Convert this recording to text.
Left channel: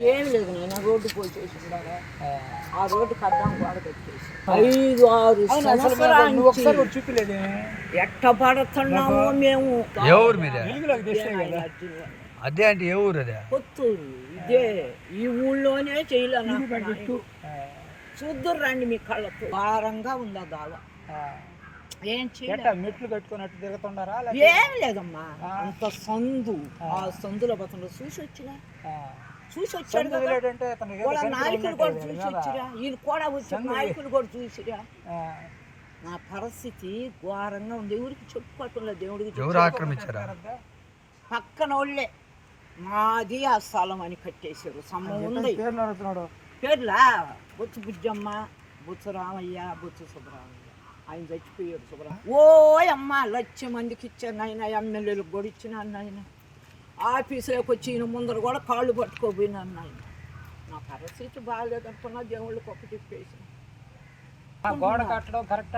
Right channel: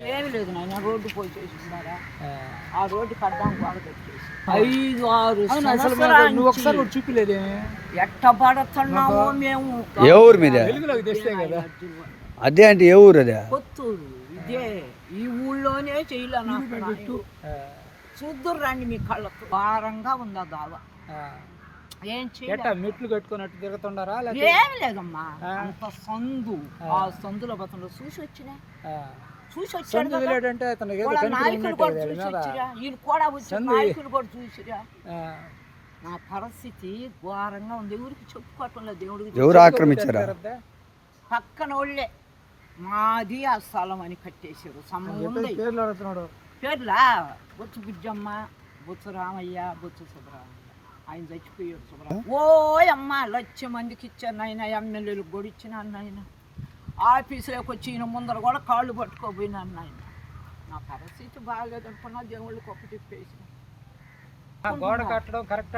ఏం లేదు నాయన రోడ్డు పోయి చేసినారా ఆ. రోడ్డు గోడ పెట్టేసి ఐదు ఆరు నువ్వు ఒకసారి కూడా చూపిలేదేమి ఎట్ట పడుతున్నామో మేము. ఏ ఊరు మీదే అదే అంటే ఏ ఊరు అదే? కొత్తూరు. ఇదే ఈ ఊళ్ళోనే చేయలే నాకు నాయన. ఆ, చూద్దురు రండి మీ కళ్ళతో. భారంగా ఉందా దావ? ఆ. ఏం చేయాలి. ఎట్టా మెట్లు కట్టుకున్నట్టు తిరుగుతుండారా ఏం లేదమ్మా. అంత సందు. ఆ. సందులో బతంలో చూసి వచ్చినా. ఆ. చూసి వచ్చాడు నాయకులు కూడా చూసి మీద. వచ్చిరా ఈయన కూడా వచ్చి నాయకులు కూడా చూసిరా ఆ. నా పరిస్థితి ఘోరంగా ఉంది. ఎవరికి చెప్పుకోవటం లేదు దేవుడికి ఎవరు ఆక్రమించారా? పక్కన వాళ్ళే మాది ఆ స్థలం అని కట్టేశారు. ఉంది. పేర్లు బొచ్చు బుజ్జమ్మ బొచ్చు రామయ్య బొచ్చు సుబ్బరామయ్య ఆయన చచ్చిపోయాడు సుబ్బరామయ్య ఓ అమ్మ లక్ష మందికి ఇచ్చాను నాయన ఎమ్మెల్యేలకు కూడా ఇచ్చినాను నాయన. ఆఫీసులోకి వచ్చి ఈయన ముందర కూడా కాళ్ళు పట్టుకోపోయినాను నా పరిస్థితి బాగాలేదనుకున్నా దేవుళ్ళకి ఒకటి చెప్పేసి. గోడ కట్టడం కరెక్ట్